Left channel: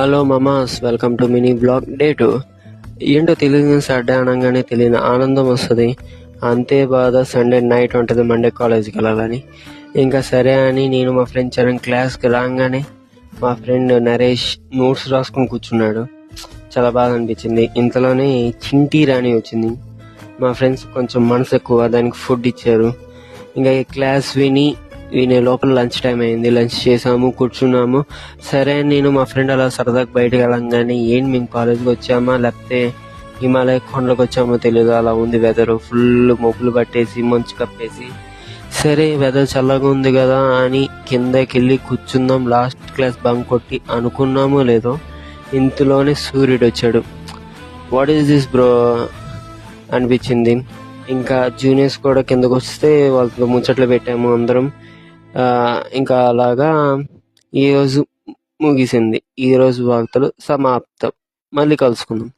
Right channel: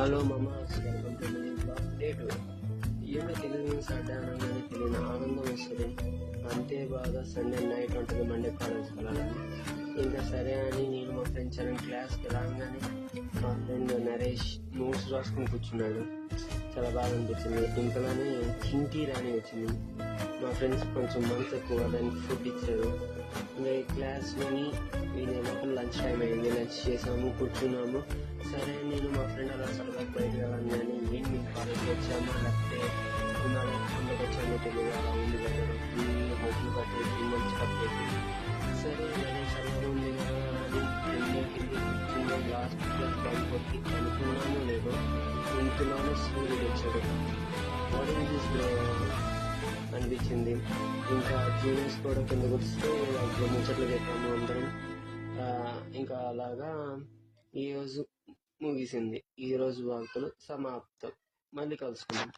Hello Mama's, welcome to mini blog day 2. ఏంటో తెలియదు, Saturday అనగానే తెలియని ఆనందం వస్తుంది. అంతే బాధ సండే నైట్ ఉంటుంది మండే కాలేజీకి వెళ్ళాలని. ఇంకా సరే అని నేను మా ఫ్రెండ్ చరణ్ క్లాస్కి రాగానే మా ఫ్రెండ్ నరేష్ నోట్స్ రాసుకొని కూర్చున్నాడు. చాలా బాధ అనిపించింది. ఇంతలోనే చింటీ రాణి వచ్చింది. మా ఫ్రెండ్స్ కొంచెం మనసు ఎక్కువ, దానికి ఫుడ్ ఇచ్చారు. ఇంకా ఈ క్లాస్ వినే లోపల లంచ్ టైం అయింది. లంచ్ చేసాము, కూర్చున్నాము. సరే నేను మా ఫ్రెండ్ అలా సరదాగా బయటకు వెళ్ళంగానే ఏంటి మేము కాలేజ్కి వచ్చామా లేకపోతే హిమాలయ కొండలకు వచ్చామో తెలియదు, అలా ఉంది వెదర్. ఫుల్ మబ్బులు పట్టేసి మంచు కప్పేసి, సరే వెదర్ చల్లగా ఉంది కదా అని కిందకి వెళ్ళి కూర్చుందాం, లాస్ట్ క్లాస్ బంక్ కొట్టి అనుకున్నామో లేదో ఇంతలోనే సూర్యుడు వచ్చాడు. వాట్ ఈస్ దిస్ బ్రో అనిపించింది. ఇంకా జూనియర్స్ కూడా కిందకు వస్తే వాళ్ళతో ముచ్చట్లు పెట్టాము అందరం. ఇంకా అలాగా ఈరోజు ముగిసింది. ఈరోజు వార్తలు సమాప్తం. మళ్ళీ కలుసుకుందాం.